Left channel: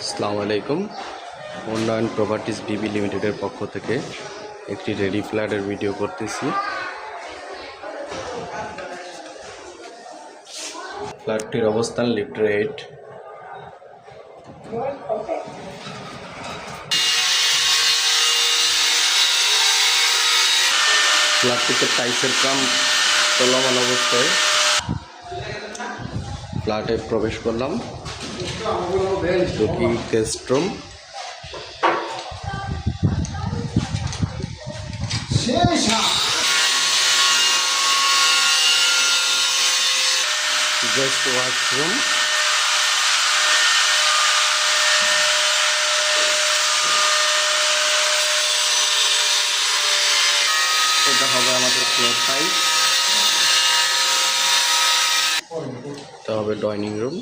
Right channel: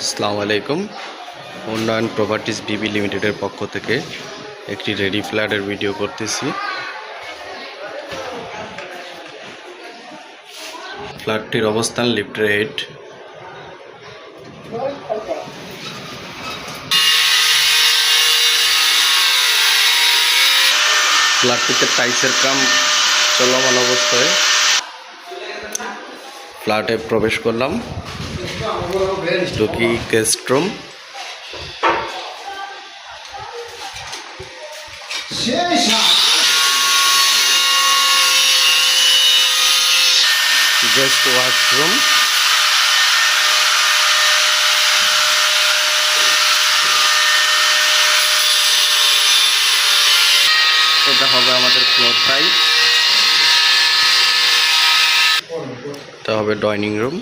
আসসালামু আলাইকুম। উন্নয়ন প্রপার্টিজ বিবি লিমিটেডের পক্ষ থেকে একটি রেডি ফ্ল্যাটের ভিডিও করতেছি। ফ্ল্যাটটির অবস্থান লিফট 8। ফ্ল্যাটটিতে টাইলসের কাম চলমান অবস্থায়। ফ্ল্যাটে প্রবেশ করলাম, ঢুকি গেস্ট রুম। গেস্ট ওয়াশরুম, এটা হবে আমাদের ফ্লোর টাইপ। এটা হবে ডাইনিং রুম।